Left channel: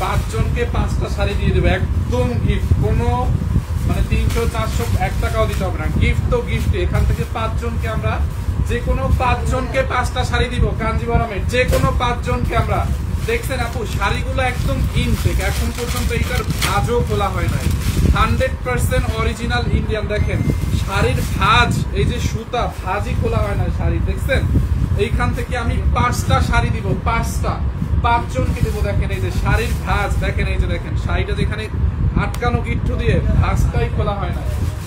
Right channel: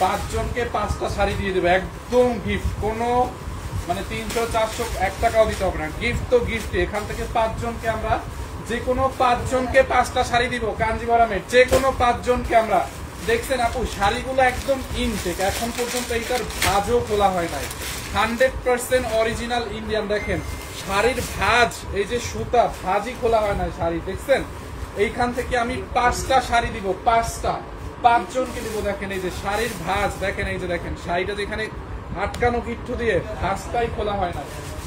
5 জনকে 5টা শাড়ি দিয়ে দেবো একদম গিফট, কোনো মানে 300 400 1 টাকাও দিতে হবে না, গিফট তো গিফট। এখান থেকে 5 জনকে আমরা যে কোনো 5 জনকে 5টা শাড়ি দিব কাঞ্জিভারামের, যে কোনো 5 জনকে আমরা। দেখছেন আপু শাড়িগুলো একদম ইনটেক, এখন পর্যন্ত এইটার ভাঁজও খোলা হয় নাই, 100% অরিজিনাল ইন্ডিয়ান। দেখেন শাড়ির ভাঁজ, এই যে সুতা ভাঁজই খোলা হয় না শাড়ি, দেখছেন। এইখান থেকে আমি 5টা শাড়ি দিব, 5টা 5 জনকে দিব। দেখেন এই যে শাড়ির ভাঁজ, দেখেন এই যে দেখেন শাড়িটা যেখানে আটকানো গিট্টু দিয়ে ভাঁজটাই খোলা হয় না,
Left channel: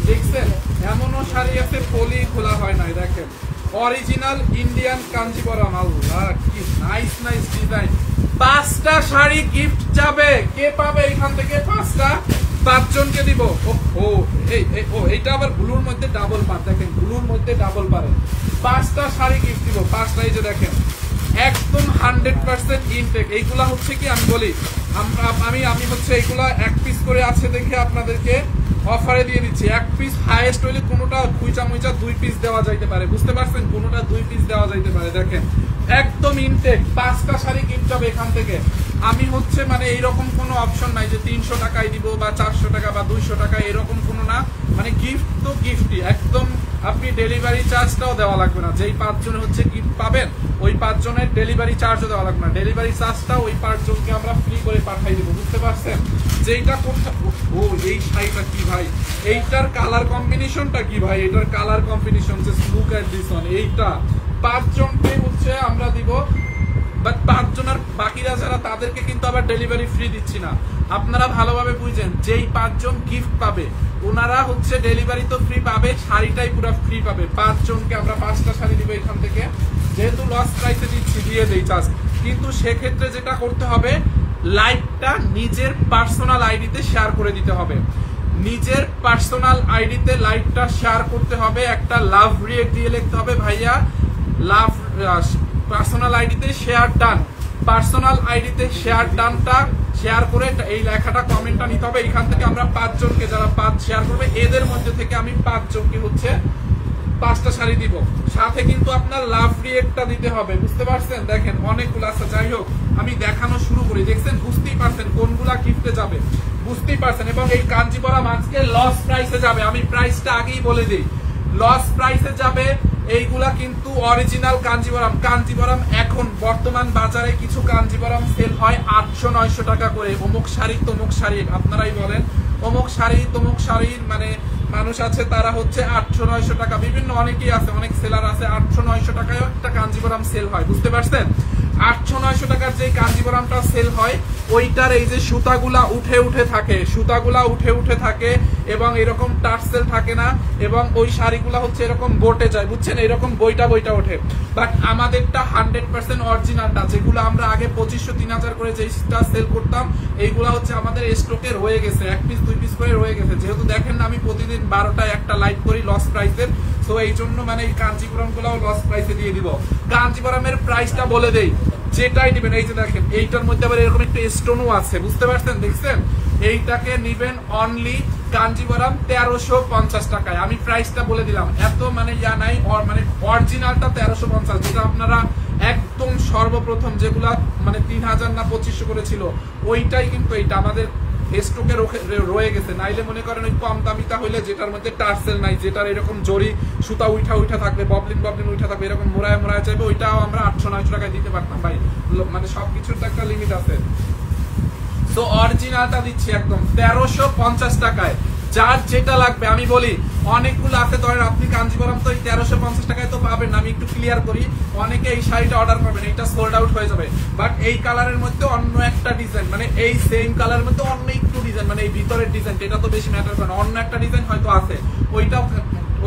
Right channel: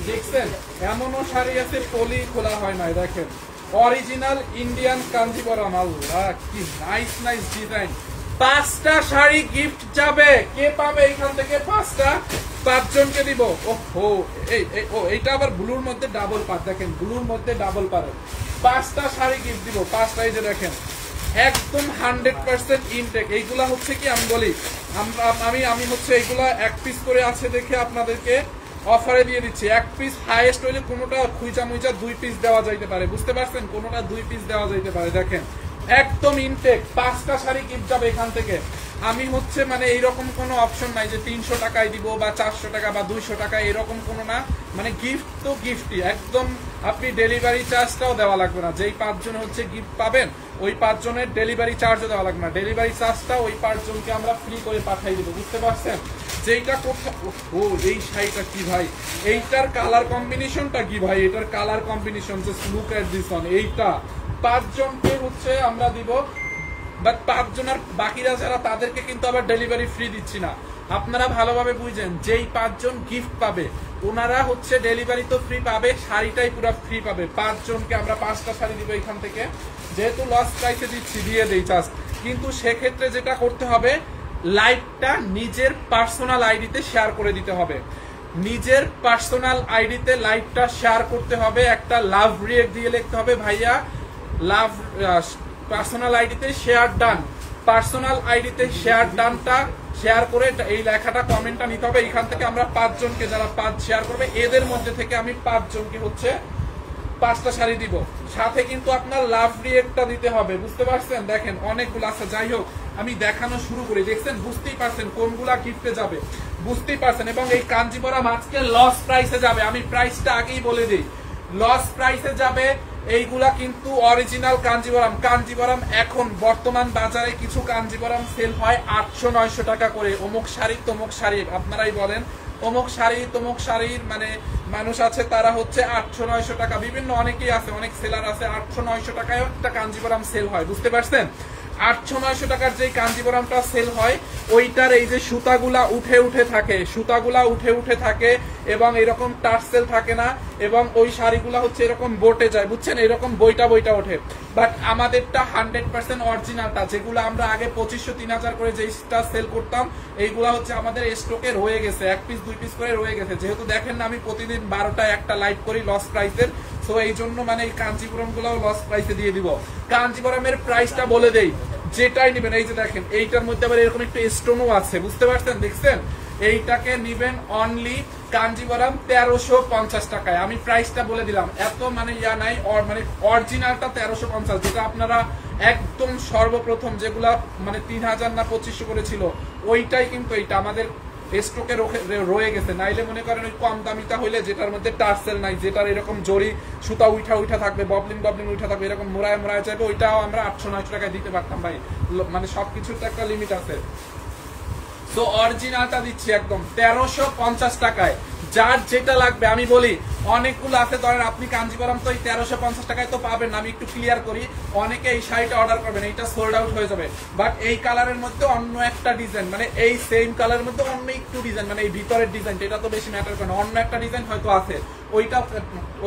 দেখছেন। এমনও শাড়ি আছে পলি খোলা হয় না, দেখেন অরিজিনাল ইন্ডিয়ান কাঞ্জিভরম। আল্লাহ কি নাইস নাইস ডিজাইন। 5টা শাড়ি গিফট যাবে, কে পাবে এখান থেকে 5টা? 5 জনকে দিব। এইটা আবার ব্লুর মধ্যে ডাবল পার, দেখেন ব্লুর মধ্যে ডাবল পারে। 5টা শাড়ি গিফট দিব, 5টা। এই যে দেখেন একদম 100% ইনটেক। এইগুলা হচ্ছে কি আমি বলি, আমি হচ্ছে এইগুলা 1 পিস করে আছে দেখে আপনাদেরকে অফারে দিয়ে দিচ্ছি। 1 পিস হাইয়েস্ট হইলে কোনোটা খুইচা মুইচা 2 পিস দেওয়া যাইতে পারে, বুঝতে পারছেন, কোনোটা 2 পিস দেওয়া যাইতে পারে। দেখেন একদম ইনটেক, 5টা শাড়ি গিফট যাবে এখান থেকে। আমি হচ্ছে মানে এইরকম কোনো অপশন নাই যে 300 টাকায় দিব বা 400 টাকা বা 200 টাকা, এরকম কোনো না। মানে গিফট তো গিফটই একদম। আপনি ডেলিভারি চার্জটাও দেওয়া লাগবে না, যেই 5 জন হচ্ছে গিফট পাবেন ওই 5 জনের ডেলিভারি চার্জও দেওয়া লাগবে না। ডেলিভারি চার্জটা ওই 5 জনকে আমরা ফ্রি করে পাঠাই দেবো, বুঝতে পারছেন। যেইটা করতে এই শাড়িটা কি ভাই, এইটার কালার কম্বিনেশনটা কি ভাই, এটার colour combination just look at this one. এইটা 5 জনকে হচ্ছে আমরা দিব, বাট 5 জনের বাকিরা যারা তাদেরকে কিন্তু আবার ডেলিভারি ফ্রি দিচ্ছি না। আপনারা ভালোভাবে বুঝেন, যেই 5 জন গিফট পাবে ওনারা হচ্ছে ডেলিভারি তো ফ্রি পাবে, শাড়িটাই পুরো ফ্রি পাবে। 5 জনকে আমরা 5টা শাড়ি দিব এখান থেকে, যেহেতু লস প্রাইসে দিচ্ছি দিয়ে দেই চার্জ। কিন্তু সেক্ষেত্রে যেটা করতে হবে, লাইভটা নিজের পার্সোনাল আইডিতে শেয়ার করে দিতে হবে। নিজের পার্সোনাল আইডিতে লাইভটা শেয়ার করতে হবে, একটা লাভ রিয়েক্ট দিয়ে লিখতে হবে ভাইয়া লাভ পার্সোনাল আইডিতে শেয়ার ডান। পার্সোনাল আইডিতে শেয়ার ডানটা শেয়ার করে এই লেখাটা কমেন্টটা নিতে হবে। এখান থেকে আমরা 5 জনকে, যারা 5 শেয়ার করবে এদের মধ্যে থেকে আমি 5 জনকে হচ্ছে 5টা শাড়ি দিব। সাথে কিন্তু আপনার লাভ রিয়েক্টটা দিতে হবে, বুঝতে পারছেন। দেখেন অনেকগুলো আছে, যাই হোক আমি দেখানো শুরু করি। দেখছেন বুঝতেই পারছেন কোনগুলা গিফটে যাবে, বুঝতেই পারছেন। এবং এই কাঞ্জিভরম আজকে লস প্রাইসে যাবে, আমি প্রাইসটা আগেই বলে দিই, লস প্রাইসে যাবে। এইগুলা কিন্তু অরিজিনাল কাঞ্জিভরম। কাঞ্জিভরম এখন বর্তমান বাজারে কিছু কাঞ্জিভরম সেল হয় 800-900 টাকা করে। অমুক শাড়ি তমুক শাড়ির, আপনারাই বলেন অমুক শাড়ি তমুক শাড়ির মানে মানুষ আছে তারা হচ্ছে 800-900 টাকা, বিভিন্ন অনেকেই আছে, অনেক সেলার আছে 800-900 টাকায় একটা কাঞ্জিভরম সেল হয়, বুঝতে পারছেন। 800-900 টাকার যে কাঞ্জিভরমটা সেল হয় ওইটার এই যে সুতাগুলা উঠে উঠে থাকে, সুতাগুলা উঠে উঠে থাকে এবং এরকম টার্সেল থাকে না, এবং ওই শাড়িগুলা হচ্ছে এরকম বোটে যায়, বুঝছেন, এরকম বইটা বইটা ওঠে। বাট আমাদেরটা 100% অরিজিনালটা, যেগুলো আমরা আগে 2500-3000 করে যেটা সেল করতাম, এইগুলা হচ্ছে আমাদের স্টকে রয়ে গেছে, 1 পিস 2 পিস করে রয়ে গেছে। যেহেতু দেখেন না আমি প্রতিদিন 12টায় একটা লাইভ করি লস প্রাইসের, তো এই জন্য মানে এই কাঞ্জিভরম গুলাও লস প্রাইসে দিয়ে দিব। কাঞ্জিভরমের প্রাইসটা বলে দেই, যেটাই নিবেন এই যে দেখেন এইটার মধ্যে আবার এরকম একটা স্টোনও আছে, বুঝতে পারছেন, দেখছেন। এইটাকে নিবেন অনলি কাঞ্জিভরম 1350 টাকায়। আমি প্রাইসটা বলে দিলাম, এত মানে ইয়া নাই, মানে অরিজিনালটা 1350, যেটা আপনারা একদম সর্বপ্রথম যেগুলা মানে 3000 না 2500 করে ছিল, ওইটাই কিন্তু এইটা আমাদের স্টকে রয়ে গেছে। নাইলে মনে করেন ওই কম দামিটা হইলে যেটার মধ্যে টার্সেল নাই, যেটার এরকম জরি সুতা উঠা উঠা থাকবে, ববলিন ববলিন উঠা থাকবে, এরকম মোড়ায় মোড়ায় চাইবে, ওইটাও আমরা 800-900 টাকায় দিতে পারতাম ভাই। মানে সবকিছুর তো একটা লিমিট আছে। তো অরিজিনালটা দিচ্ছি একদম 1350 টাকায়। যার যেটা লাগবে আমি বলি, অনেকগুলো আছে, ধরেন আপনি কাঞ্জিভরম তো এই 1350 টাকায় তো পাবেন। আমি একটু ক্লিয়ার করি, অনেকে এই শাড়িটা অর্ডার করবেন, এইটা সোল্ড আউট হয়ে যাবে। বাট এই কালারের মধ্যে অন্য একটা ডিজাইন, মানে এই সেম কালারের মধ্যে অন্য একটু ডিজাইন, মানে এই ভিতরের ডিজাইনটা, এটা তো বেশি ম্যাটার করে না, অন্য একটা ডিজাইন হয়তো আছে,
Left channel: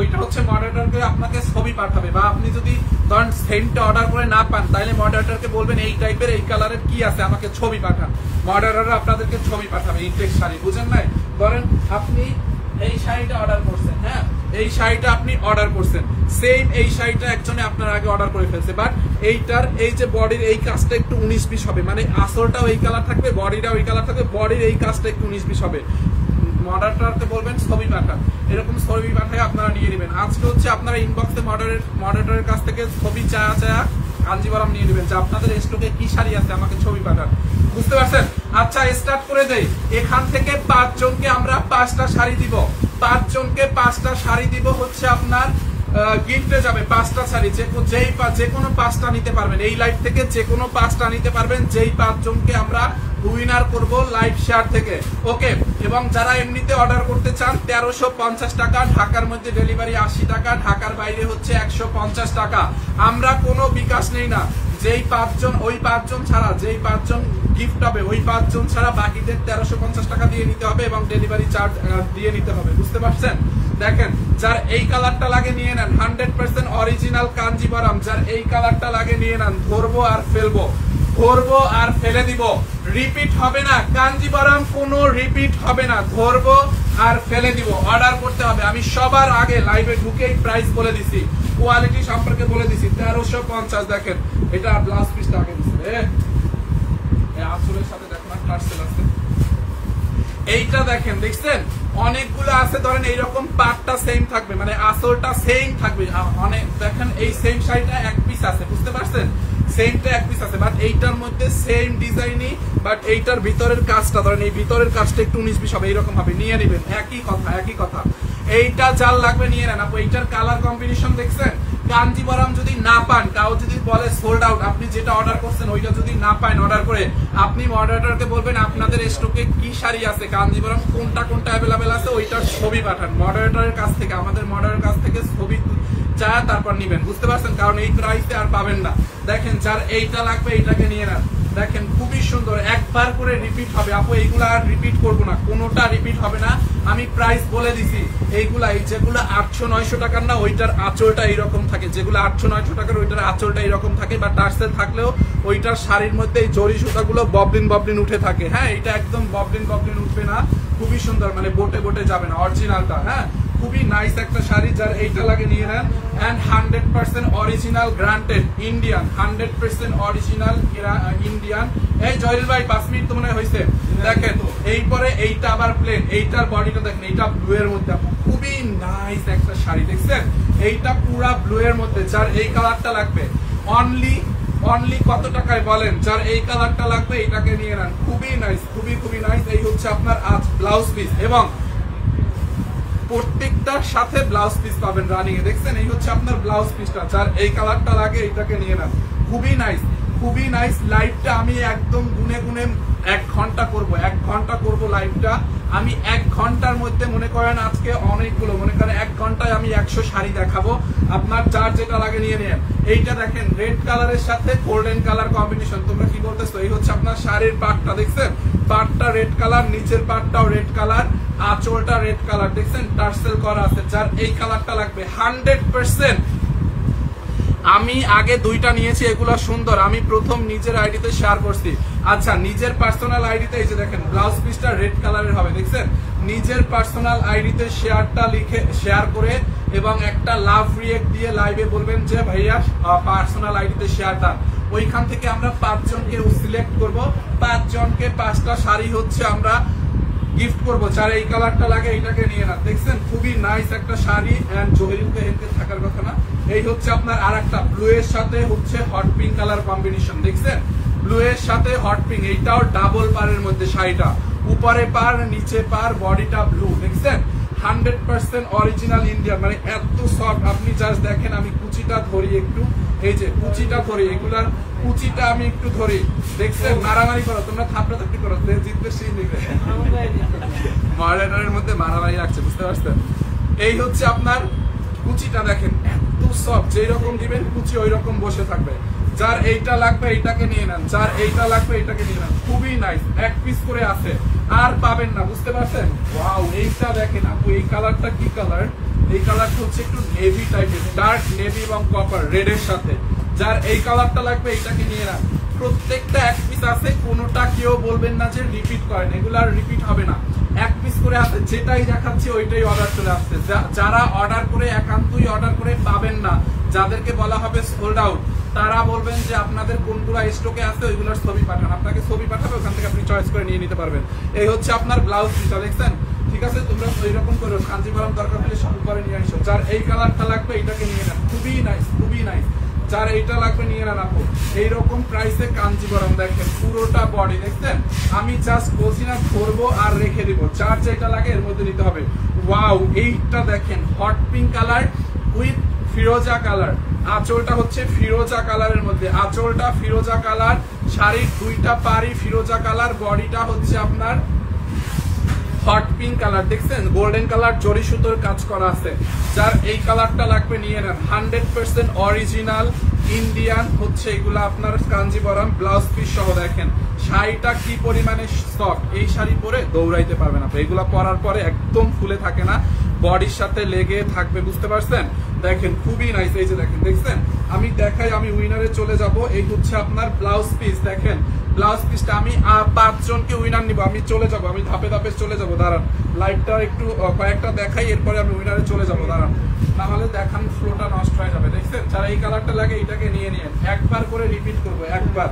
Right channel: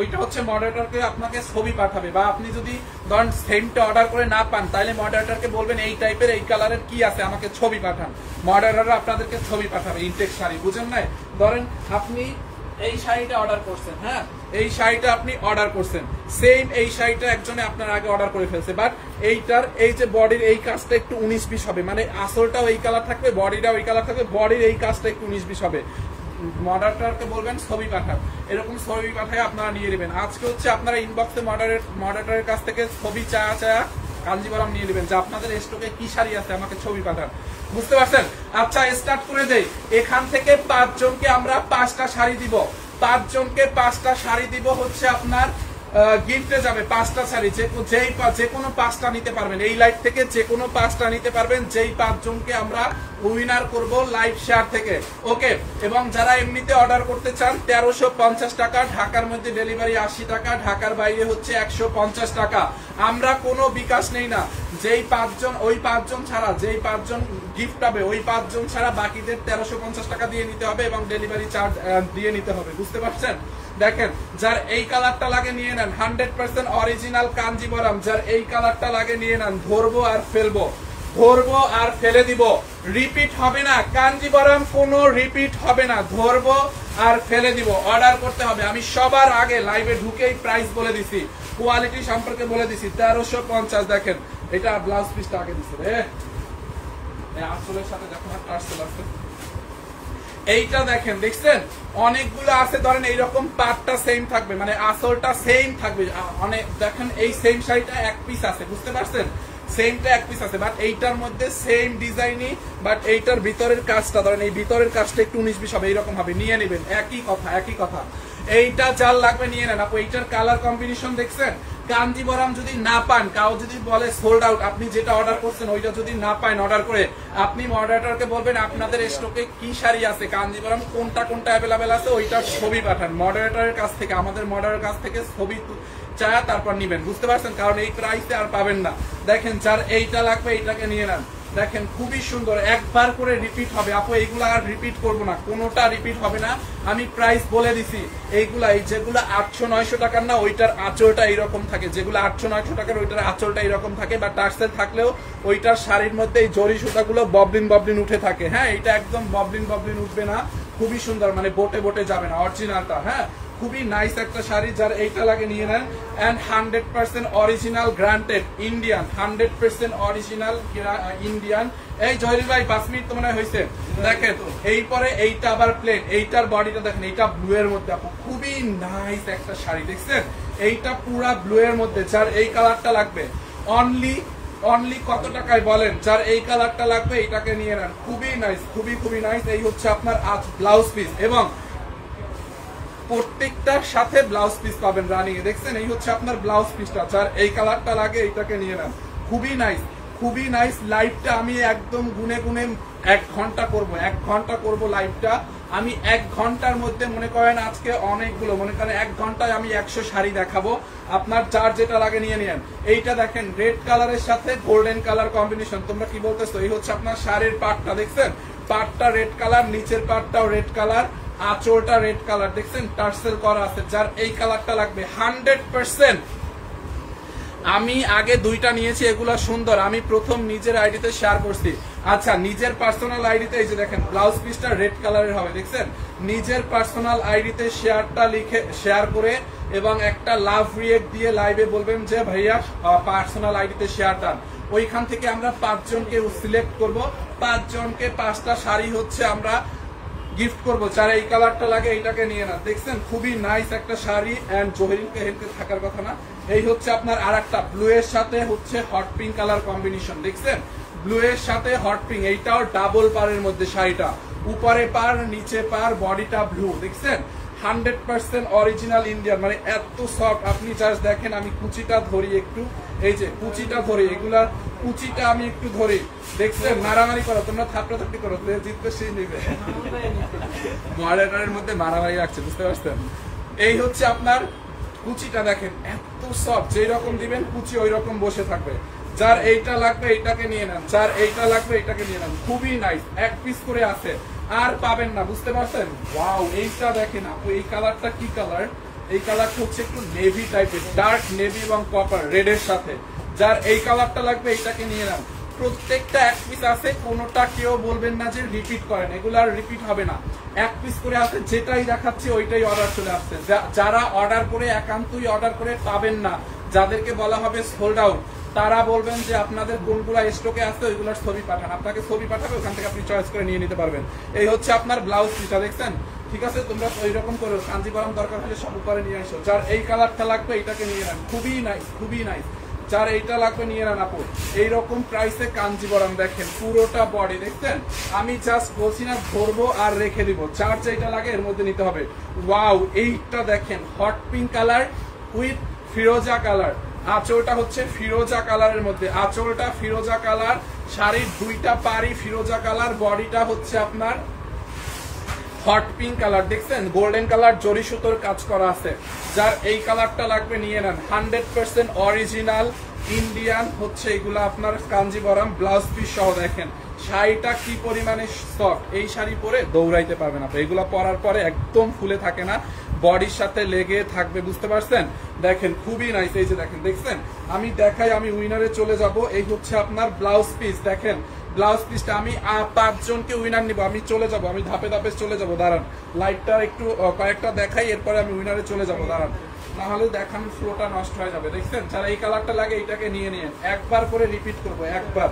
ওইটা হচ্ছে মডারেটরকে আপনাকে ছবি পাঠাবে। বা আপনি যদি ধরেন সেমটা অর্ডার করে না পান, তাহলে মডারেটরকে বলবেন এই টাইপের এই কালারের কি আছে আমাকে ছবি পাঠান, মডারেটর আপনাদেরকে ছবি পাঠাবে। ইনটেক শাড়ি বুঝেন নাই, ধরেন আপনি এই শাড়িটা অর্ডার করছেন, হ্যাঁ এই শাড়িটা আপনি অর্ডার করছেন, সেম এই শাড়িটা একজনে আপনার আগে অর্ডার করে ফেলছে, বাট এইটার এই যে বডির এই কাজটা একটু 19-20 হবে, মানে আসলটাও এই কালার থাকবে, বডিটাও এই কালার থাকবে, বডির এই কাজটা একটু 19-20 হবে। মডারেটরকে বলবেন ছবি পাঠান, এরকম ছবি পাঠায় আপনারা নিয়ে নেবেন। আজকে হচ্ছে আপনারা ইনবক্সে মডারেটরের কাছ থেকে ছবি চায়া কাঞ্জিবরম নিয়ে নেবেন, যে আপনাদের স্টকে কি শাড়ি আছে আমাকে ছবি পাঠান, বুঝতে পারছেন? আচ্ছা স্টার্ট করে দেই। এখান থেকে 5 জনকে আমরা 5টা শাড়ি দিব, 5 জনকে 5টা শাড়ি দিব হচ্ছে আপনার গিফটে যাবে 5টা শাড়ি, যে কোনো 5টা নিতে পারবেন, এই লাইভ থেকে যে কোনো 5টা নিতে পারবেন, যেই 5 জনকে আমরা উইনার করব লাইভ শেয়ার থেকে, ওকে। এবং যারা এমনিতে অর্ডার করতে চান 1350 টাকা, ঢাকার মধ্যে ডেলিভারি 80 টাকা, ঢাকার বাইরে হচ্ছে 150 টাকা। আমরা কোনো বিকাশ নেই না, যেই 5 জন, ওই 5 জন ছাড়া, যেই 5 জন গিফট হবে ওই 5 জন ছাড়া বাকিদের 1350 টাকা দিয়ে নিতে হবে এবং ডেলিভারি চার্জ দিয়ে নিতে হবে, বুঝতে পারছেন? দেখেন, যার এই কালারটা লাগে নিয়ে নেন, 100% অরিজিনাল কাঞ্জিবরম, যার এই কালারটা লাগে নিয়ে নেন। ধরবো আর ফেলবো, ধরবো আর ফেলে দিব, রিপিট হবে না। কাঞ্জিবরম কোনো রিপিট হবে না, ধরবো আর ফেলে দিব। অর্ডার করতে হবে, আমি সবার আগে লাইভে ঢুকেই প্রাইস বলে দিছি, কোয়ালিটি সম্পর্কে বলে দিছি। 1350। দেখেন এটা ব্লাউজ পিসটা আগে দিচ্ছে রে, আসলের সাথে দেখো না টার্সেল আছে। এইটা দেখেন, দেখছেন অনেকগুলো আছে, ধরেন এইরকম পাটটা সেম থাকবে, মানে আসলটা সেম থাকবে অনেক। দেখেন এই সেম শাড়িটা 1 পিস আছে, বুঝতে পারছেন? সেমটা 1 পিস আছে, বাট এইটার মধ্যে সেম ডিজাইনই, বাট এইটার ভিতরের কাজটা, ধরেন এই ভিতরের কাজটা একটু 19-20 হবে, এইরকম হবে, নিয়ে নেবেন। একই কথা, একই কথা। এইটা যার লাগবে নিয়ে নেন। আপু এইটার কালার কম্বিনেশন দেখছেন? কাঞ্জিবরম যদি না পান, কাউ যদি বলে সোল্ড আউট, আপনি যেটা অর্ডার করছেন ওইটা যদি না পান অর্ডার করে, আপনি মডারেটরকে বলবেন আপনাদের স্টকে কি শাড়ি আছে, কাঞ্জিবরম কোনটা কোনটা অ্যাভেলেবেল আছে, ওইটার ছবি পাঠান মডারেটরের কাছ থেকে, আমাদের মডারেটরের কাছ থেকে ছবি চায় তারপর নিবেন, বুঝতে পারছেন? কারণ এই প্রাইসে আর পাবেন না। দেখেন যার এইটা লাগবে এইটাকে নিয়ে নেন। দেখেন খুবই সুন্দর, একবার করে রিপিট হবে। আপু এইগুলা আর রিপিট করবো না, কোনোটা রিপিট হবে না, আমি প্রাইস বলে দিছি। এইগুলা, এই যেগুলো 800-900 টাকার না, ওইটার আঁচলটা এইরকম থাকে, যেগুলো 800-900 টাকার ওইটার আঁচলটা এইরকম থাকে, বা টার্সেল থাকলেও ওইটার শাড়ির মধ্যে এই জরি সুতাগুলো ববলিন ববলিন উঠে থাকে। হ্যাঁ, এটা একদম ববলিন ববলিন উঠবে না, খুবই সুন্দর, মানে বোটে বোটে যাবে না, অরিজিনালটা। হ্যাঁ, খুবই নাইস একটা শাড়ি, যার এইটা লাগে নিয়ে নেন। And 100% original granted Indian, 100% original Indian. এই জহিরুল ভাই 5 মিনিট তো মনে হয় হয়েছে। দেখেন এইপরে এইটা আবার প্লেন, এইটার বডিটা দেখেন, এইটা ব্লু এর মধ্যে, খুবই নাইস একটা শাড়ি, দেখছেন? এইটা পুরা ব্লু এর মধ্যে, যার এই কালারটা লাগবে অনলি কত টাকায় বলেন? যার এই কালারটা লাগবে এইটাকে নিয়ে নেন। খুবই নাইস, খুবই খুবই নাইস। এই হচ্ছে আপনার আজ ব্লাউজ পিস, এবং প্রত্যেকটার সাথে ব্লাউজ পিস পাবেন রানিং এ, দেখছেন? এই হচ্ছে আপনার ব্লাউজ পিসটা, যার এই কালারটা লাগে এইটাকে নিয়ে নেন। খুবই নাইস, খুবই নাইস। লাইভটা আমি একদম গুনে গুনে 1 ঘন্টা করবো, 1 ঘন্টা করবো লাইভটা আমি। 1 ঘন্টার মধ্যে মনে করেন আজকে অনেকগুলো, মনে করেন 1 ঘন্টায় আমি 100 শাড়ি দেখাবো। আপনার যার যেটা লাগে নিয়ে নেন। এইটা দেখেন রেড কালারের সাথে গোল্ডেন কালার কম্বিনেশন, তোমরা কি বলতেছো? এই হচ্ছে আপনার শাড়ির পাটটা, দেখছেন? পাটটা রেড কালার, নিচের পাটটাও রেড কালার, আঁচলটা রেড কালার, দেখছেন? টার্সেল করা আছে। যার এই কালারটা লাগবে 100%। আমি আগে 2টা নিয়েছি, এগুলা সুন্দর, আমি প্রথম নিজের আইডিতে শেয়ার করছি। আচ্ছা, নিজের পার্সোনাল আইডিতে এই যে দেখেন ব্লাউজ পিসটা রেড কালারের হবে, দেখছেন? নিজের পার্সোনাল আইডিতে শেয়ারটা লিখে শেয়ার করে এবং একটা লাভ রিয়েক্ট দিয়ে লাইভে বলবেন যে ভাইয়া পার্সোনাল আইডিতে শেয়ার দেন। ওইখান থেকে আমরা 5 জনকে সিলেক্ট করব, 5 জনকে 5টা শাড়ি হচ্ছে আমরা গিফট করবো। যার এই কালারটা লাগে এইটাকে নিয়ে না, দেখছেন? খুবই নাইস একটা শাড়ি। এন্ড জহিরুলকে হেলতে থাকার কথা না। এই হচ্ছে আপনার আরেকটা ব্লু এর সাথে হচ্ছে হট পিঙ্ক কালার কম্বিনেশন, দেখছেন? ব্লু এর সাথে হট পিঙ্ক, এইটাও ডাবল পারের মধ্যে শাড়িটা, উপরে পার নিচে পার, বডিটা ব্লু, দেখছেন? 100% অরিজিনাল ইন্ডিয়ান, মানে এত সফট। আপনি জাস্ট দেখেন, আমি কুচিটা ধরি একটু, এই যে কুচিটা ধরি, এগুলার কুচিটা আমি একটু ধরি, দেখছেন? মারামারি করো তোমরা, থাপ্পড়াথাপ্পি করো, জিতবে সেই নিবে। মডারেটরের মধ্যে মারামারি রাখছে, বুঝতে পারছেন? এই হচ্ছে আপনার কুচিটা, দেখেন এত সফট, যেই রকম দিবেন কুচি ওই রকম বসে থাকবে। যার এইটা লাগবে এইটাকে নিয়ে নেন, যার এইটা লাগবে এইটাকে নিয়ে নেন। খুবই নাইস, 1 পিস করে আছে, আর পাবেন না, বুঝতে পারছেন? ওয়াও, এইটা দেখেন আপু, এই কালারটা কি কালার? এই কালারটা হচ্ছে একটু নেভি টাইপের, ডার্ক নেভি এবং কপার রেড এর সাথে। যার এই কালারটা লাগবে এইটাকে নিয়ে নেন। প্রত্যেকটা 1 পিস আছে, কোনোটা কেউ বলবেন না যে রিপিট করেন, এগুলার রিপিট হবে না। 1 পিস করে আছে, যেটাই দেখাচ্ছি ওইটাই অর্ডার চলে আসছে। যারা অর্ডার করে একান্তই অর্ডার করে পাবেন না, যাদেরকে বলা হবে সোল্ড আউট, তারা বলবেন যে আপনাদের কোনগুলা স্টকে আছে ওইগুলোর ছবি পাঠান, আপনাকে ছবি পাঠাবে, ওখান থেকে আপনি চয়েস করে নিয়ে নিতে পারবেন। এই হচ্ছে আপনার ব্লাউজ পিসটা, দেখছেন? ঠিক আছে, তোমরা ওইরকম করো, কাঞ্জিবরম দরকার হলে সব করে নিয়ে আসো। যার এই কালারটা লাগবে এইটাকে নিয়ে নেন। খুবই নাইস, খুবই নাইস। যার এইটা লাগবে নিয়ে নেন আপু। এইরকম প্রাইসে কাঞ্জিবরম দেখেন পুরোটা বডি দেখছেন, আমি জাস্ট বলছি না ধরবো আর রেখে দিব, যার যেটা লাগে এর মধ্যে নিতে হবে। ওয়াও, এইটা দেখেন hot pink colour with Firoza colour, আঁচলটা হচ্ছে ফিরোজা কালারের মধ্যে, আঁচলটা ফিরোজা কালার, শাড়ির দুইটা পাড়ি ফিরোজা কালার, বডিটা হচ্ছে আপনার হট পিঙ্ক কালার দেখছেন, গোল্ডেন কালার জরি সুতোর কাজ করা আছে। যার এই কালারটা লাগবে নিয়ে নেন, 100% অরিজিনাল ইন্ডিয়ান হচ্ছে এগুলো আপনার কাঞ্জিবরম ব্লাউজ পিস সহ। দেখেন শাড়িটা কি পরিমাণে সফট, এই শাড়ি পরে দৌড়াইতে পারবে না, এগুলা পরার পরে একদম ফুলে থাকে না, বডির সাথে লেগে থাকবে, বুঝতে পারছেন। দেখেন খুবই নাইস, এই যে দেখেন দেখছেন, আমি দেখাই, আমি উইনারে চলে যাব। এই হচ্ছে আপনার ব্লাউজ পিস, দেখেন ব্লাউজ পিসটা আমি 5 জনকে উইনার নিব, আমি চলে যাব, আমি ধাপে ধাপে চলে যাব, দাঁড়ান লাইটটা একটু কয়েকটা দেখাই, এরপরে আমি উইনারে চলে যাব, দাঁড়ান, না হলে দেখান ফ্লোটা নষ্ট হয়ে যাবে। দেখছেন যারা এই কালারটা লাগে এইটাকে নিয়ে নিন, একবার করে রিপিট করবো, একবার।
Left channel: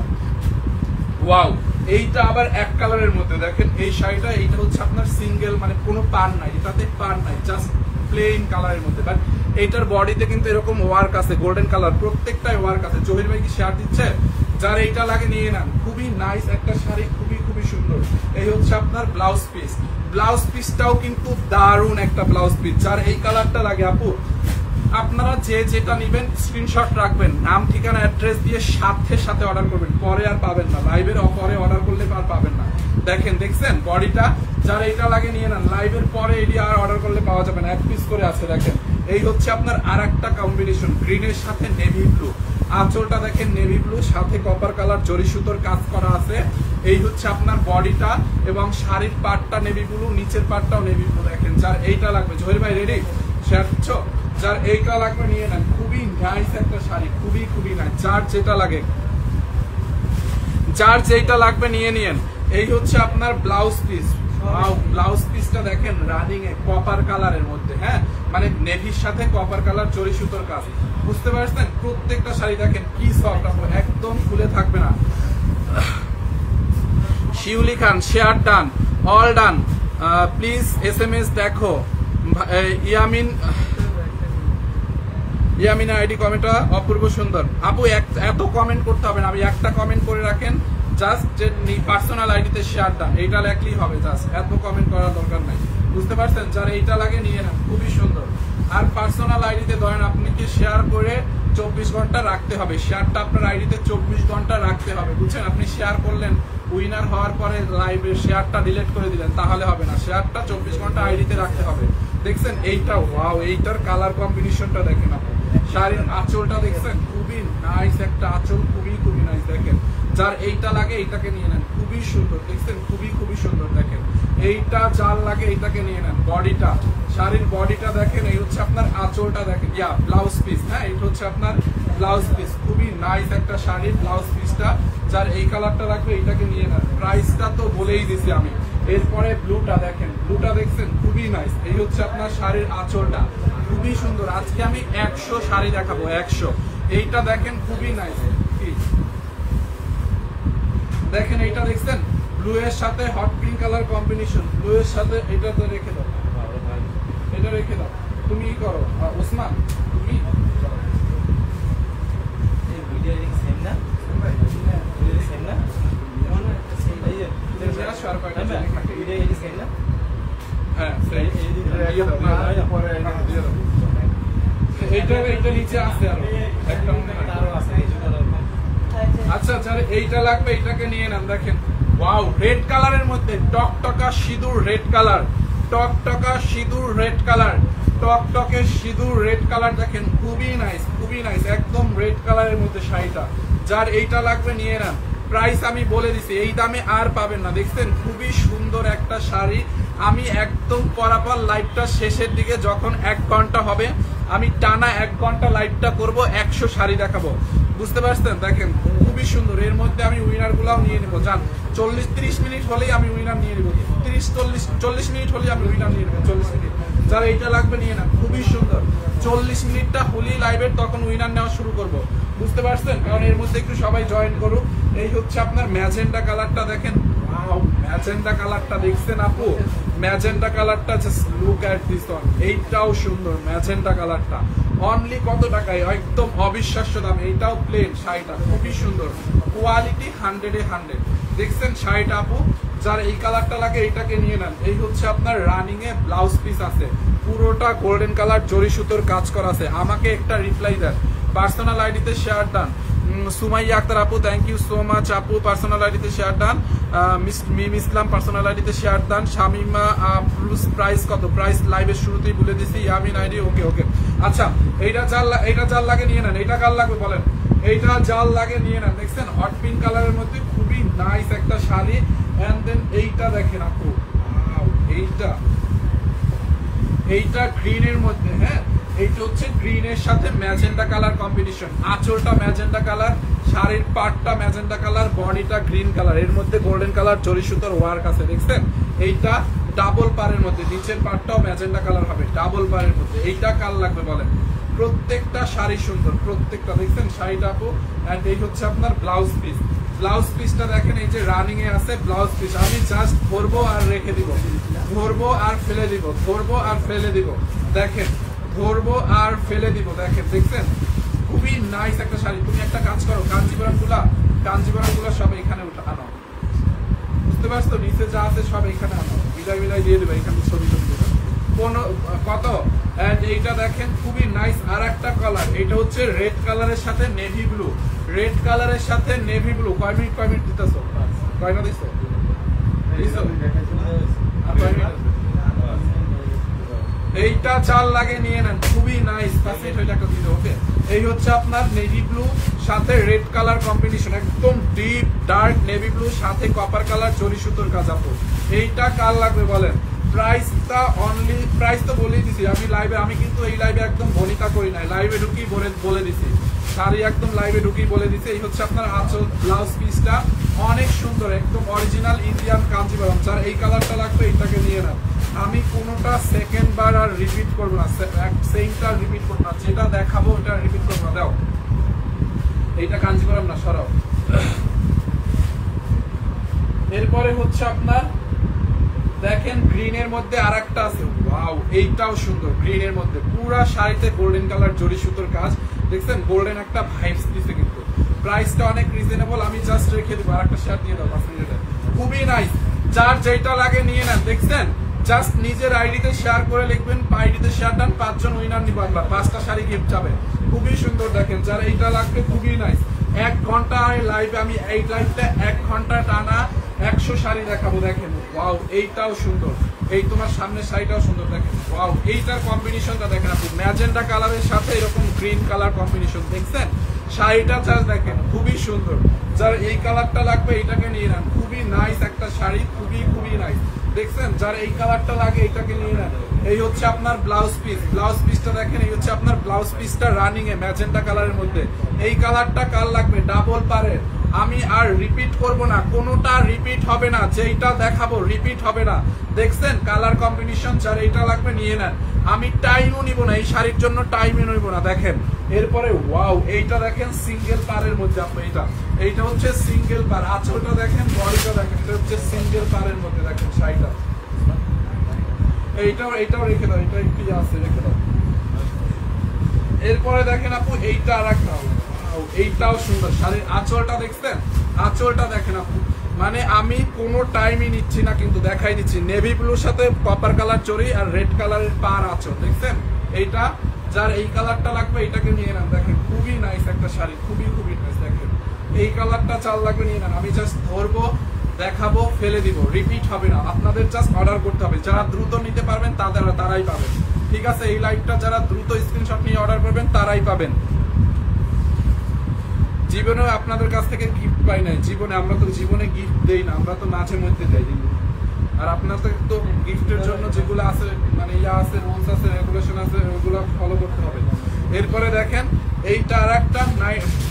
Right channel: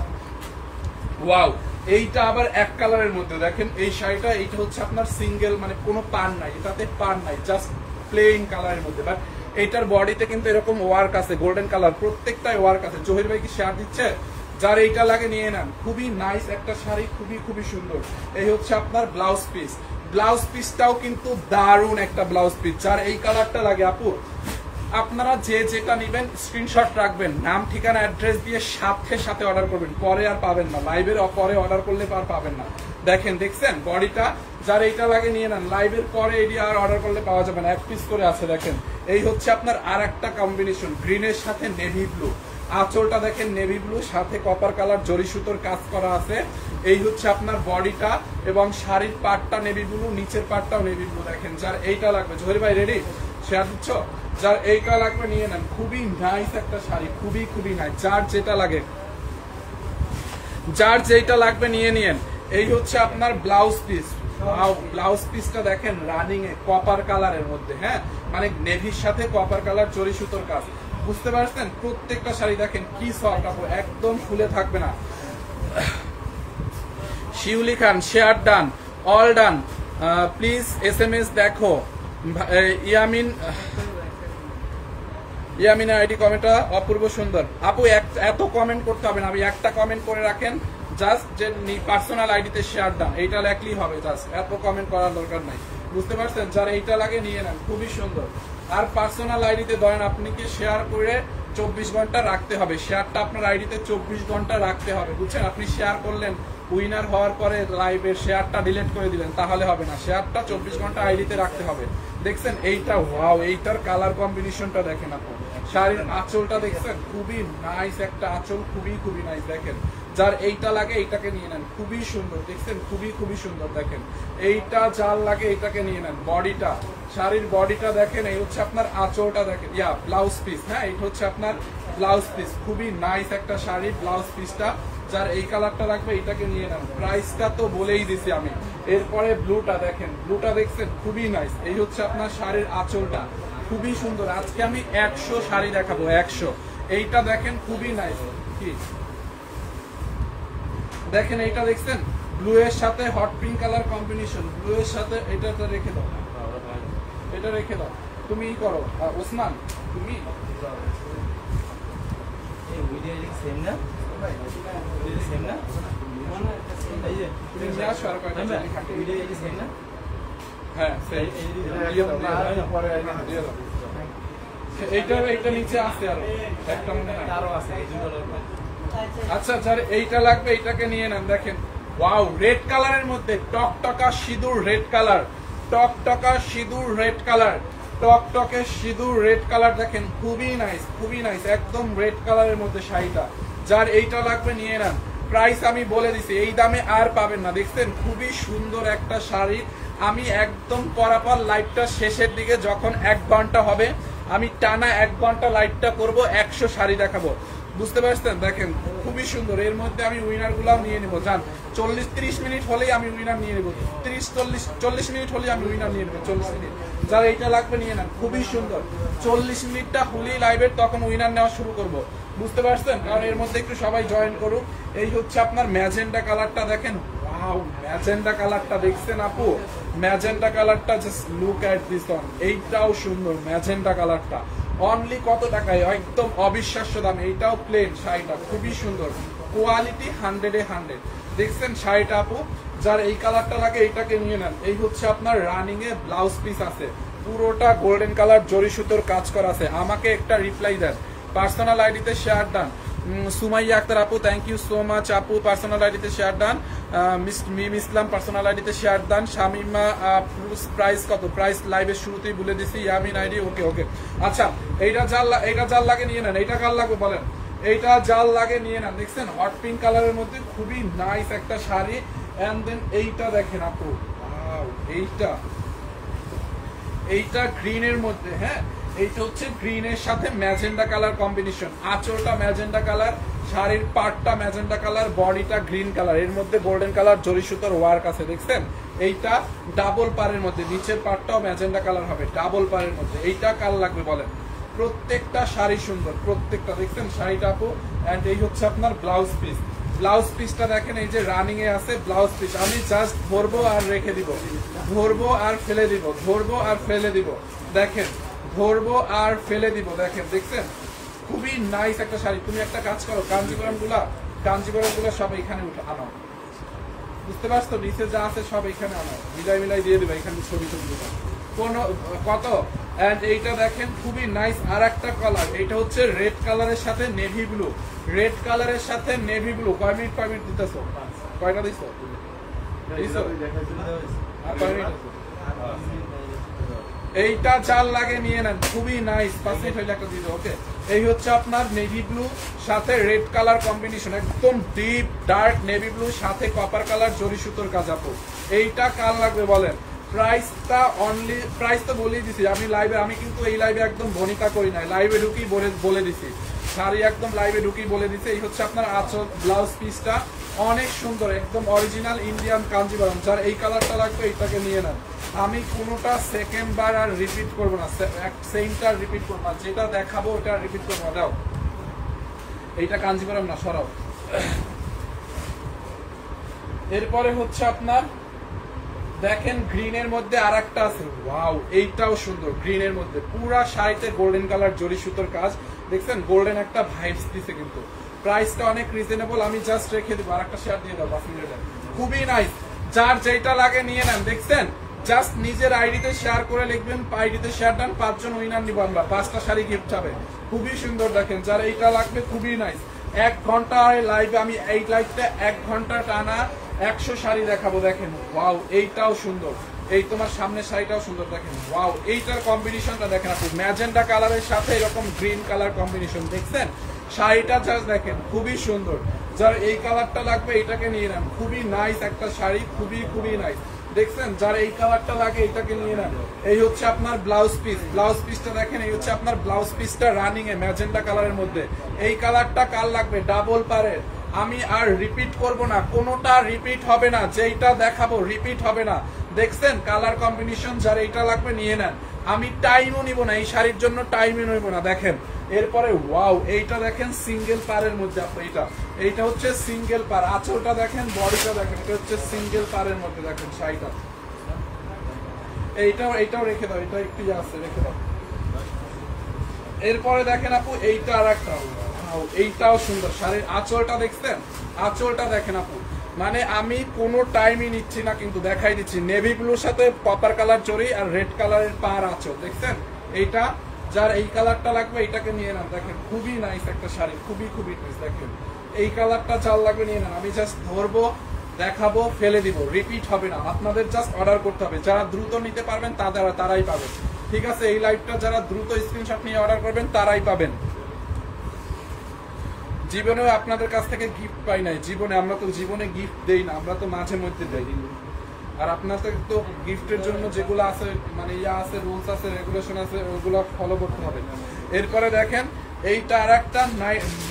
ওয়াও, এইটা আবার এক কালারের মধ্যে দেখেন, এই শাড়িটা এইটা হচ্ছে আপনার সিঙ্গেল, মানে কোনো পার নাই, এটাতে পার নাই, জাস্ট প্লেন কালারের মধ্যে, বাট এইটার বডিতে কিন্তু এরকম ওয়ার্ক আছে, গোল্ডেন কালার, প্রত্যেকটাই ওয়ার্ক আছে। জহির ভাই কি শেয়ার দিচ্ছে? যার এইটা লাগে নিয়ে নেন, খুবই নাইস একটা শাড়ি, খুবই খুবই সুন্দর। এই হচ্ছে আপনার ব্লাউজ পিস, ব্লাউজ পিসটাও কিন্তু দারুণ একটা ব্লাউজ পিস। যার এই কালারটা লাগে আপু, আপনারা যে যেটা নিবেন স্ক্রিনশট রাখবেন, নাম ঠিকানা অ্যাড্রেস দিয়ে সাথে সাথে অর্ডার করবেন, পরে আর পাবেন না, লাইভের পরে অর্ডার করলে আর পাবেন না। দেখেন দেখছেন বডিটা, যার এইটা লাগে নিয়ে নেন, লাইভের পরে এটি আর অর্ডার করলে পাওয়া যাবে না, এক পিস করে আছে। দেখেন এই হচ্ছে আপনার আর একটা কম্বিনেশন, গ্রিনের সাথে নেভি ব্লু, আঁচলটা দেখেন নেভি ব্লু, সাথে কপার কালার জরি সুতোর কাজ করা আছে। এই হচ্ছে আপনার বডিটা, এবং শাড়ির পাটটা নেভি ব্লু, নিচের পাটটাও নেভি ব্লু। দেখেন যার এইটা লাগবে, জহির ভাই রেডি? শেয়ার দিচ্ছ? যার এইটা লাগবে নিয়ে নেন, খুবই নাইস একটা শাড়ি, খুবই খুবই নাইস। যার যেটা লাগে, যার যেটা লাগবে নিয়ে নিন। এই হচ্ছে আপনার ব্লাউজ পিস, ব্লাউজ পিসটা দেখেন রানিং এ কপার কালারের মধ্যে, হ্যাঁ মানে নেভির সাথে কপার কালার জরি সুতোর কাজ, বুঝতে পারছেন। প্রত্যেকটা শাড়ি দেখেন কি সফট, একদম ফুলে থাকবে না। Shiuli Khan share done, all done, please SMS দেখো। ইয়ামিনা আইডি কমেন্টটা অপূর্ব সুন্দর। আপু এত কমেন্ট করতে হবে না, আমি একটা কমেন্ট করে রাখেন, জাস্ট যে পার্সোনাল আইডিতে শেয়ার ডান এইটা লেখলেই হবে, জাস্ট এত কমেন্ট করার দরকার নাই, বুঝতে পারছেন। যারা এইটা লাগে নিয়ে নেন, খুবই সুন্দর। আর পার্সোনাল আইডিতে ধরেন আপনি কি শেয়ার করে 24 ঘন্টা রাখতে হবে, শেয়ারটা আপনার আইডিতে 24 ঘন্টা রাখতে হবে, বুঝছেন। আপনি শেয়ার করলেন, উইনার হওয়ার পরে লাইভে শেয়ারটা ডিলিট করে দিলেন, তাহলে হবে না, শেয়ারটা 24 ঘন্টা আইডিতে রাখতে হবে। দেখছেন এইটা, ওয়াও, এইটার কালার কম্বিনেশনটা দেখেন আপু, শাড়ির আঁচলটা দেখছেন, খুবই নাইস একটা আঁচল, খুবই খুবই নাইস। দেখেন যার এইটা লাগে এইটাকে নিয়ে নেন, খুবই সুন্দর, দেখছেন খুবই খুবই সুন্দর। দেখেন এইটা যার লাগে এইটাকে নিয়ে নেন। বডিটা, শাড়ির বডিটা দেখেন, এই হচ্ছে আপনার আঁচলটা দেখেন, ইয়া ব্লাউজ পিস, হ্যাঁ এইটা হচ্ছে আপনার ব্লাউজ পিস, খুবই নাইস একটা শাড়ির ব্লাউজ পিসটা। যার এই কালারটা লাগবে এইটাকে নিয়ে নেন। প্রাইসটা তো বলেই দিছি আমি। এরপরে ব্লুটা দেখেন, ব্লুটা দেখছেন খুবই নাইস। এই হচ্ছে আপনার শাড়ির আঁচলটা, খুবই সুন্দর। আজকে আমি 100 শাড়ি দেখাবো, 100। এইটা দেখেন খুবই নাইস, দেখেন এইটা দেখছেন ব্লু এর সাথে hot pink colour combination, blue এর সাথে এটাতে রেখে দাও, এটা রেখে দাও, তুমি করো ওসমান, তুমি এইটা নিচে আছে আরো আছে। আচ্ছা যার এইটা লাগবে এইটাকে নিয়ে নেন। দেখেন ওয়াও, রেড কালারের মধ্যে টকটকা সিঁদুর রেড কালার, টকটকা সিঁদুর রেড কালার, টকটকে সিঁদুর রেড কালার, দেখেন খুবই নাইস, খুবই নাইস, একদম রেড কালারের মধ্যে শাড়িটা। যার এইটা লাগবে নিয়ে নেন। প্রাইস আমি বলে দিছি, এই দামে আর পাবেন না। দেখছেন খুবই সুন্দর একটা শাড়ি। আমি একদম পরাপর লাইভটা শেষের দিকে যখন 1 ঘন্টা হবে, আমি টানা 1 ঘন্টা লাইভটা করবো, 100 শাড়ি দেখাবো, বুঝতে পারছেন। দেখেন খুবই সুন্দর। এর মধ্যে আমি উইনার গুলাও নিয়ে নেবো, জান 40-30 মিনিট হলেই আমি উইনার নিয়ে নেবো, 30-40 মিনিট হলেই আমি উইনার নিয়ে নেবো, 40 মিনিট। যার এইটা লাগবে নিয়ে নেন, খুবই সুন্দর। 40 মিনিটটা হলেই লাইভের, তখন উইনার নেওয়া শুরু করব, বুঝতে পারছেন। কারণ এর মধ্যে একটু সবাই জয়েন করুক। এই হচ্ছে আপনার ম্যাজেন্ডা কালারটা, দেখেন ওয়াও, ম্যাজেন্ডা কালারটা দেখছেন আপু, ম্যাজেন্ডা কালারটা just look at this one, এইটাও সুন্দর ম্যাজেন্ডা কালারটা, অনলি কত টাকায়, একদম অবিশ্বাস্য দাম। এইটাও প্লেন শাড়িটা খুবই সুন্দর, কোয়ালিটি 100-100। দেখছেন শাড়িটা আপু, যার এই কালারটা লাগে এইটাকে নিয়ে নেন। এই হচ্ছে আপনার রানিং এ ব্লাউজ পিস আছে, পুরোটা গোল্ডেন কালার জরি সুতোর কাজ করা আছে। আমাকে একটা রিপ্লাই দেন, পার্সোনাল আইডিতে শেয়ার ডান। সুমাইয়া আক্তার আপু, থ্যাংক ইউ সো মাচ আপু, পার্সোনাল আইডিতে শেয়ার ডান। মিম ইসলাম পার্সোনাল আইডিতে শেয়ার ডান। শামিমা প্রাইস কত, প্রাইস লাইভের শুরুতেই বলে দিছি। ইয়ামিন আইডি, ওকে ওকে। আচ্ছা, এইটা জাল লাগে নিয়ে নেন। এইটা কার লাগবে বলেন, এইটা জাল লাগে নিয়ে নেন। দেখছেন হট পিঙ্ক কালারের মধ্যে খুবই নাইস একটা শাড়ি। এন্ড দেন এইটা দেখেন আপু, এইটা গ্রিনের মধ্যে, হ্যাঁ এইটা হচ্ছে গ্রিনের সাথে ম্যাজেন্ডা কালার কম্বিনেশন। আঁচলটা ম্যাজেন্ডা কালার, শাড়ির পাটটা ম্যাজেন্ডা কালার, বডিটা গ্রিন কালার, এর মধ্যে গোল্ডেন কালার জরি সুতোর ওয়ার্ক আছে। দেখছেন এইটা ডাবল পারের মধ্যে, নিচের পাটটাও ম্যাজেন্ডা কালার হবে ডাবল পারের মধ্যে। এইটা কার লাগবে বলেন, প্রত্যেকটা শাড়ি সুন্দর, প্রত্যেকটা। দেখছেন শাড়িটা আপু, এন্ড এই হচ্ছে আপনার ব্লাউজ পিস। ব্লাউজ পিসটা দেখেন, এই যে রানিং এ আছে ব্লাউজ পিস। আমি জাস্ট ধরবো আর রেখে দিব, ধরবো আর ফেলে দিব, ধরবো আর ফেলে দিব। দেখেন ধরবো আর ফেলে দিব, দেখেন। দেখছেন খুবই নাইস একটা শাড়ি। তুমি একটা কাজ করো, কাঞ্জিবরম গুলা সব এখানে আনো, বুঝতে পারছো? নিচে যা আছে সব এখানে আনো, মিলাই দিয়ে দেবে, এখানে ছবি তুলবে কোন কত। এন্ড এইটা দেখেন খুবই নাইস আর একটা কালার, এটা হচ্ছে রেড কালারের সাথে নেভি ব্লু। রেড কালারের সাথে নেভি ব্লু। কয় মিনিট দিতেছো, কয়টা দিছো? এইটা চাল লাগে নিয়ে নেন, খুবই নাইস। ওকে, এই হচ্ছে আপনার নেভি ব্লু সাথে রেড কালার কম্বিনেশন, একদম ডিপ ডার্ক নেভি ব্লু সাথে কপার কালার জরি সুতোর কাজ আপু। এইটা কার লাগবে বলেন? প্রাইসটা অনলি, প্রাইস তো বলেই দিছি আমি লাইভে। আমি কিন্তু এই লাইভে একদম বনিতা করি নাই, লাইভে ঢুকি বলে দিছি শাড়ি, একদম লাইভে ঢুকি বলে দিছি। এই হচ্ছে আপনার আঁচল, ব্লাউজ পিসটা অনেক সুন্দর, একদম অরিজিনাল ইন্ডিয়ান কাঞ্জিবরম। যার এই কালারটা লাগবে এইটাকে নিয়ে নেন। আমি কোনোটা সেকেন্ড বার আর রিপিট করবো না, সেমটা রিপিট করবো না, যেটা দেখাবো ওটা রিপিট করবো না। দাও, এইটা কাঞ্জিবরম না, সরাও। এরপরে হচ্ছে আপনার দেখেন গ্রিনের মধ্যে আর একটা আছে, ওয়াও এইটাও সুন্দর। গ্রিনের মধ্যে পুরা শাড়িতে গোল্ডেন কালার জরি সুতোর কাজ। দেখছেন গোল্ডেন একটা ভাইবস দিচ্ছে, কিন্তু প্রাইসটা অনেক রিজনেবল। আমি জাস্ট রেখে দেবো, আর একটা শেয়ার দিয়ে দাও, খুবই নাইস। যার যেটা লাগে নিয়ে নেন। দেখছেন জাস্ট নিজের আইডিতে শেয়ার করে লিখবেন, আইডিতে শেয়ার ডান, 5 জন উইনার নিব আমরা, 5টা শাড়ি গিফট যাবে। খুবই সুন্দর, দেখেন যার এইটা লাগবে খুবই নাইস। 1 ঘন্টায় লাইভে আমি এই লাইভে 1 ঘন্টা টানা 100 শাড়ি দেখাবো। দেখেন ওয়াও, এইটাও সুন্দর, এই তোমার সামনের শাড়িটাও সুন্দর। দেখেন ওয়াও, এইটার কম্বিনেশনটা দেখেন আপনি, ম্যাজেন্ডা কালারের সাথে এরকম গ্রিন কালার কম্বিনেশন। দেখছেন শাড়িটা চার্জ দেখেন খুবই সুন্দর। যার এই কালারটা লাগবে এইটাকে নিয়ে নেন, খুবই নাইস একটা শাড়ি, খুবই নাইস। দেখছেন যার এই কালারটা লাগে এটাকে নিয়ে নেন। এই হচ্ছে আপনার ব্লাউজ পিস, ব্লাউজ পিসটা দেখেন, এই হচ্ছে আপনার ব্লাউজ পিসটা রানিং এ ম্যাজেন্ডা কালারের মধ্যে। এই কালারটা কার লাগবে? ডাবল পারের। আমি আর রিপিট করব না, কোনোটা রিপিট হবে না, যেইটা দেখাবো রিপিট হবে না। দেখছেন কালার কম্বিনেশন, যার এইটা লাগবে নিয়ে নেন। আমি টাইমও নিব না, এই শাড়ির জন্য টাইমও নিব না। দেখেন এরপরে ওয়াও, এইটা দেখেন সিঙ্গেল পারের মধ্যে আপনি, এইটা হচ্ছে সিঙ্গেল পার। আঁচলটা দেখেন, বডিটা দেখেন, এটা হচ্ছে সিঙ্গেল পারের মধ্যে। দেখেন শাড়িটা, এইটাও রেখে দাও, এটা একটু আছে রেখে দাও। এরপরে দেখেন আপু এইটা আর একটা, এইটাও সুন্দর শাড়ির আঁচলটা। দেখছেন আঁচলটা দেখেন আপু, মানে আমি কোনো টাইমই নিচ্ছি না, কিন্তু দেখাই দিচ্ছি। নেভি ব্লুর সাথে কপার কালার চড়ি আর রেড কালারের পার আঁচল। দেখছেন এইটা, যার এই কালারটা লাগবে এটাকে নিয়ে নেন। দেখেন খুবই নাইস একটা শাড়ি, খুবই নাইস। দেখেন এই কালারটা চাল লাগবে নিয়ে নেন। আমি জাস্ট ধরবো, দেখাবো, ফেলে দিব, রিপিট হবে না। আপনাদের জাস্ট অর্ডার করতে হবে, যারা দ্রুত নিতে পারবেন তারাই পাবেন। ঠিক আছে, এই লাইভটা যারা দ্রুত স্ক্রিনশট নিয়ে অর্ডার করবেন তারাই পাবেন। জীবনে আপনাদের কাছ থেকে গিফট পাই নাই, আমরা তো জীবনে গিফট দেই না, আমরা তো মাঝে মধ্যে দেই। আর আপনাদের তো গিফটের জন্য যেগুলো আছে, মানে ইয়া আছে, রুলস আছে, রেগুলেশন আছে, ওগুলো ফলো করতে হবে। এরপরে দেখেন এইটা আর একটা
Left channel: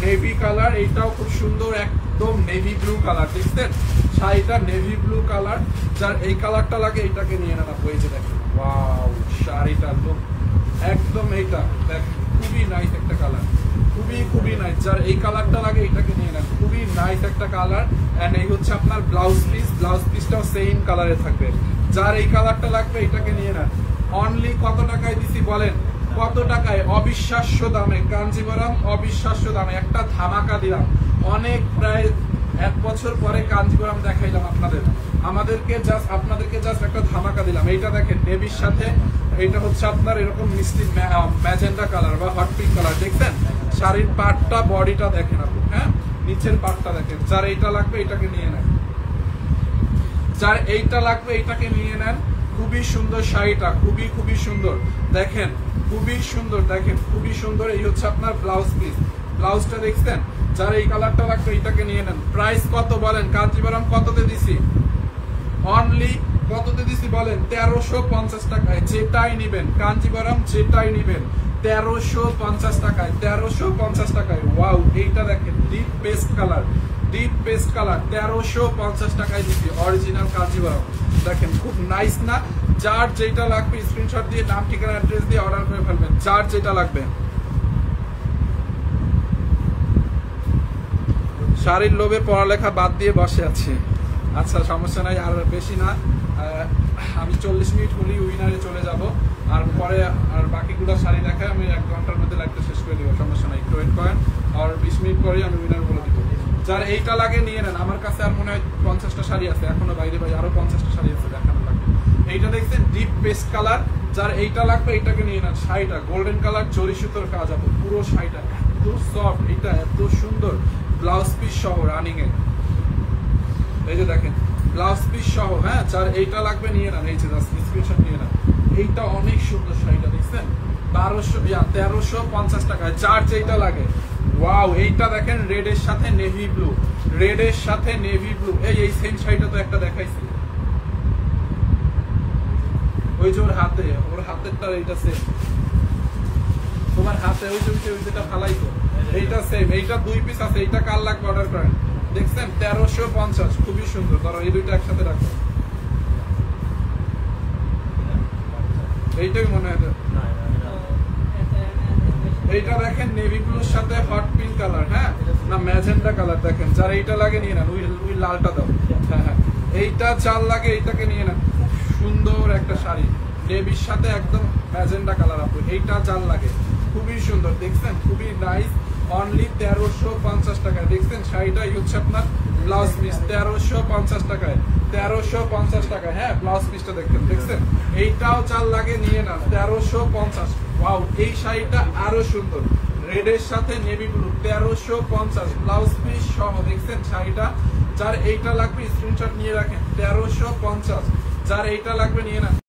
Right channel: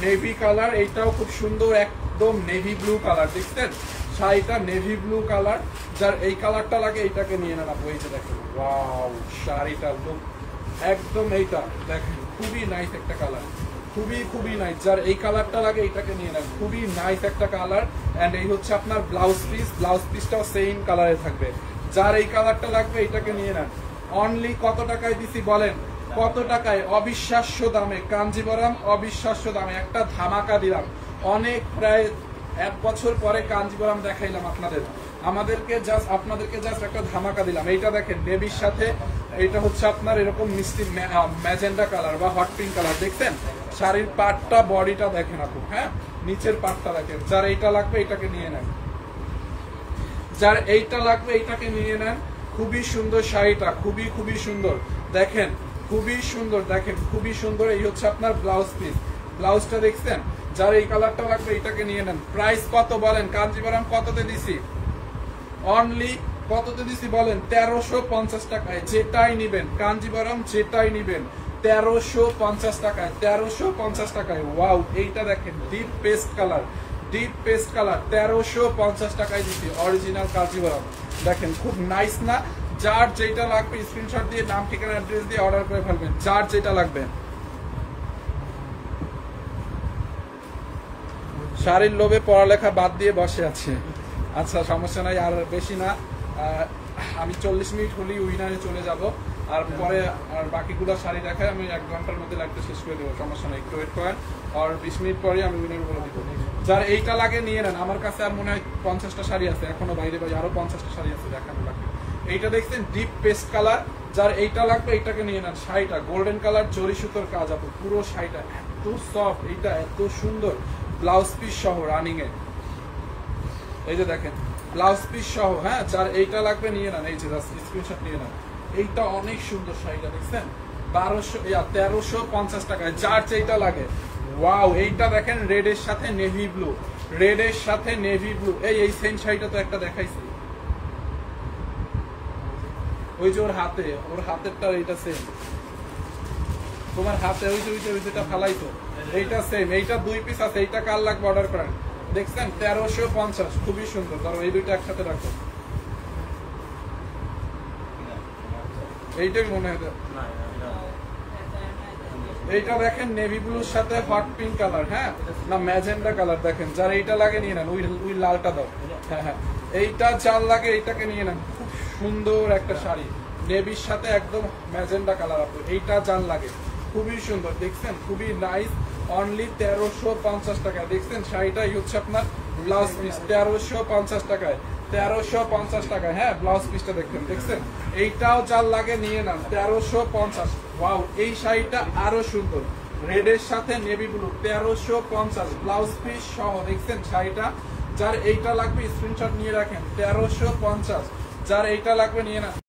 নেভি কালার, এইটাও খুব সুন্দর, একদম নেভি ব্লু কালার। দেখছেন শাড়িটা নেভি ব্লু কালার, যার এই কালারটা লাগে এইটাকে নিয়ে নেন আপু। এই যে দেখেন ওয়াও, শাড়িটার লোক একদম এইটা দেখেন, খুবই নাইস একটা কালার, খুবই নাইস। যার এই কালারটা লাগে এটাকে নিয়ে নেন, খুবই নাইস একটা কালার। এন্ড এই হচ্ছে আপনার ব্লাউজ পিস, ব্লাউজ পিসটাও সেম কালারে থাকবে। যার এই কালারটা লাগবে এটাকে নিয়ে নেন। অনলি কত টাকায় দিছি বলেন? কত টাকায়? অবিশ্বাস্য দামে কাঞ্জিবরম, অবিশ্বাস্য দামে একটা ধামাকা দিলাম। অনেক প্রায় 1 বছর পরে কাঞ্জিবরম দেখাইলাম আপনাদেরকে জাস্ট একটা ধামাকা দিলাম। এইটা দেখেন নেভির সাথে, এটা হচ্ছে আপনার এরকম মিষ্টি ম্যাজেন্ডা কালার বা হট পিঙ্ক কালার। দেখছেন শাড়ির পাটটা, বডিটা দেখেন আপু, হ্যাঁ নিচের পাটটা দেখেন। যার এইটা লাগবে এটাকে নিয়ে নেন, যার এইটা লাগবে এইটাকে নিয়ে নেন। খুবই সুন্দর শাড়িটা, খুবই সুন্দর দেখেন, খুবই সুন্দর দেখেন, খুবই সুন্দর। এই হচ্ছে আপনার ব্লাউজ পিস, ব্লাউজটা দেখছেন। যার এই কালারটা লাগবে এইটাকে নিয়ে নেন। প্রাইস কত বলেন? কাঞ্জিবরম কততে দিছি? অনলি কততে দিছি বলেন? 1350 টাকায়। যেটাই নিবেন কাঞ্জিবরম, যেটাই নিবেন 1350 টাকায়, 1350 টাকায়। ওয়াও, এইটা দেখেন deep paste colour, deep paste colour 1350 টাকায় দিচ্ছি অরিজিনাল কাঞ্জিবরম। দেখেন খুব নাইস না? যার যেটা লাগবে স্ক্রিনশট দিয়ে নাম ঠিকানা অ্যাড্রেস দিয়ে অর্ডার করে ফেলবেন, যার যেটা লাগবে। শাড়ির লোভে পড়ালেখা বাদ দিয়ে বসে আছি। আচ্ছা সমস্যা নাই, আর বেশি না, আমি 40 মিনিট হলেই উইনারে চলে যাব। আর পরে আর বাকিগুলো শাড়ি দেখায় আমি 1 ঘন্টার মধ্যে লাইভটা শেষ করে দেবো, সমস্যা নাই, একটু ওয়েট করেন। আর 20 মিনিট পরে আমি উইনার বলে দিব। যার এইটা লাগে নিয়ে নেন। আমার কাছে আর মনে হয় 50টা শাড়ি আছে এখনো, বাইরে আরো 50টা শাড়ি আছে দেখানো লাগবে। এইটা দেখছেন ডিপ পেস্ট কালার, যার এইটা লাগবে এইটাকে নিয়ে নেন। শাড়িটা গোল্ডেন কালার, জরি সুতোর কাজ আপু, পুরো শাড়িটা এত সফট, এটা এত সুন্দর। ব্লাউজ পিস সহ রানিং এ, এই যে দেখেন ব্লাউজ পিস সহ, হ্যাঁ যার এইটা লাগবে নিয়ে নেন। এই যে স্ক্রিনশট নিয়ে নেন। এইটা অনেক সুন্দর শাড়িটা দেখছেন, 1350 টাকায়, যার যেটা লাগে। ওয়াও, এইটা দেখেন রেডের সাথে নেভি ব্লু, রেডের সাথে নেভি ব্লু। এই সেম শাড়িটা তো একটা দেখাইছি, ওই যে ওর হাতেরটা এইটা সেম, তোমার হাতে ওই যেটা ফালাইতো এইটা সেম। এইটা 2 পিস আছে, এইটা কার লাগবে অর্ডার করেন। দেখছেন 1350, খুবই সুন্দর। ধরো এই দুইটা একসাথে রাখো, এইটাই মনে হয়। এইটা দেখেন নেভি ব্লুর সাথে হট পিঙ্ক কালার, হ্যাঁ না ম্যাজেন্ডা কালার। দেখেন যার এইটা লাগে নিয়ে নেন। ওই লালটা দাও, হ্যাঁ এইটা যার লাগে এইটাকে নিয়ে নেন। খুব সুন্দর একটা শাড়ি, নেভির সাথে একদম ম্যাজেন্ডা কালার আপু, এইটা যার লাগে খুবই সুন্দর। দেখছেন খুবই নাইস, অনলি 1350 টাকায়। দেখছেন শাড়িটাই হচ্ছে আপনার ব্লাউজ পিস, 1350 টাকায়, 1350 টাকায়। হ্যাঁ ব্লাউজ পিসটা দেখছেন, এইটাও চাল লাগে নিয়ে নেন 1350। ওয়াও, এই শাড়িটা আরো সুন্দর, রেডের সাথে নেভি ব্লু, 1350 ব্লাউজ পিস সহ। দেখছেন শাড়িটা, যার এইটা লাগবে স্ক্রিনশট নিয়ে রাখেন, 1350। যার এইটা লাগবে নিয়ে নেন।